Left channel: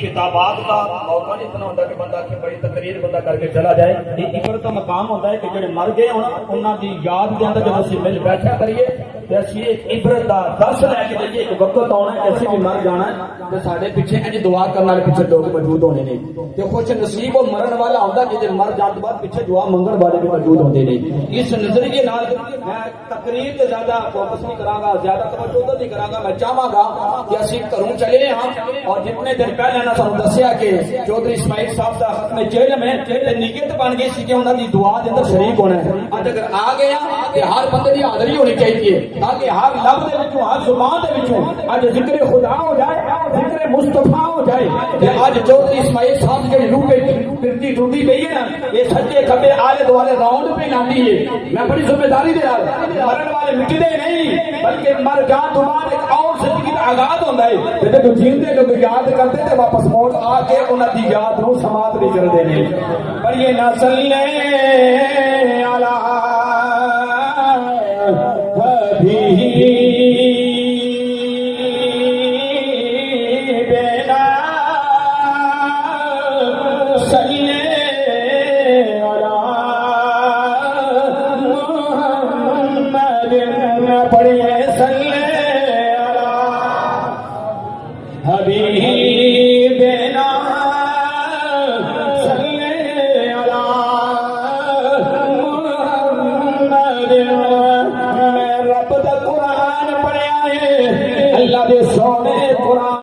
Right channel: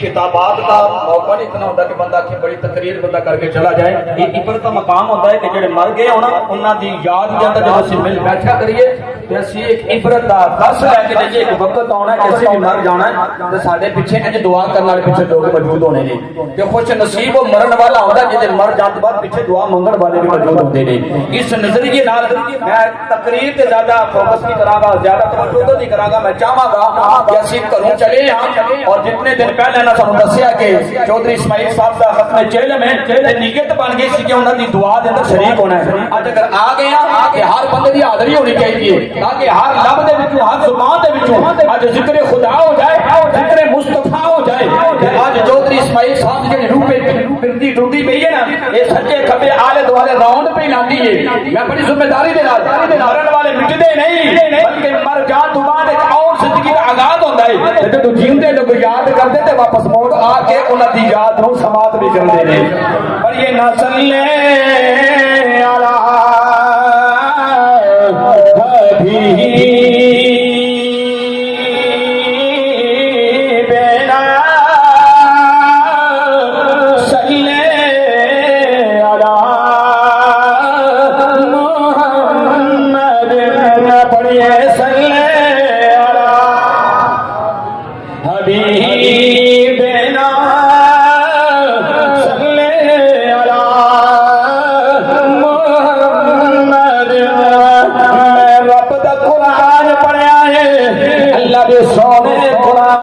खिताबात का मौका नहीं इतना होता कि बंदा कि बड़ी तकरीर बंदा करके चला जाए। ये इबरत का मकाम होता है कि जेडे मर गए होना उन्होंने याद के अंदर जो असि मिल बैठा करिए तो असि एक इबरत का दस लैके जाइए। एक वक्त आना कि असि भी मर जाना तो साडे पिछे इंज दुआ करने वाले पिछे लोग मौजूद होने ने कि खुश नसीब वो मरन वाला होता जिसे मर जाने बाद पिछे दुआ मंगण वाले भी मौजूद होते ने। इस नजरिए नाल मैं तकरीर से ज्यादा फोकस नहीं करांगा, ज्यादा तवज्जो नहीं करांगा। मैं चाहांगा कि असि घरों चले और जितने दिन पहले ना सानू दसिया कि चौधरी इस्माइल साहब का खत्म इल्म है ते नियत बन गई सी कि उन्हां दी दुआ दे अंदर शरीक होना है। अज अगर आ गया कि हर बंदे दी हाज़री होनी चाहिए ताकि हर लब दे विचों हर जुबान दे विचों अज जिक्र खुदा हो जाए, जिक्र मुस्तफा हो जाए। ते अज चौधरी इस्माइल साहब दी रूह पे फिरदी टूटी पई है ना, ये सच्चे खबे आले दुआले राउंड पे लाती है। मैं बड़ी जिम्मेदारी दे नाल मरन वाले मिटदे नहीं बल्कि मर जान तो बाद एक और जिंदगी दा आगाज होंदा है। ते तू जींदे जो याद करदे ते वापस मोड़ आके उन्हां दी याद नूं समात भी करदे ने। पर ये ना चले